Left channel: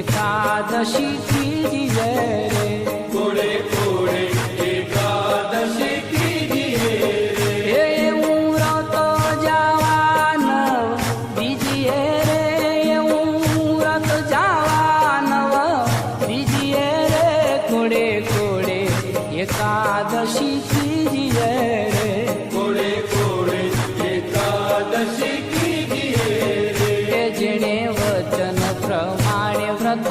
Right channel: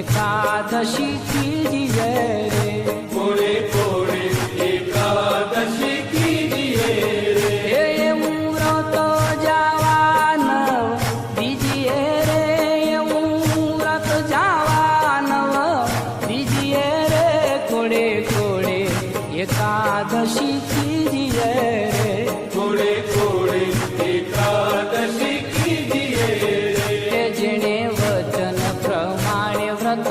एकादशी कीजिए रे, कोड़े कोड़े एकादशी कीजिए रे, એવું વ્રત જવાનવ દીજીએ રે, એવું વ્રત જવાનવ દીજીએ રે, કોડે કોડે એકાદશી કીજીએ રે, कोड़े कोड़े एकादशी कीजिए रे, જેણે વચન પ્રમાણે વ્રત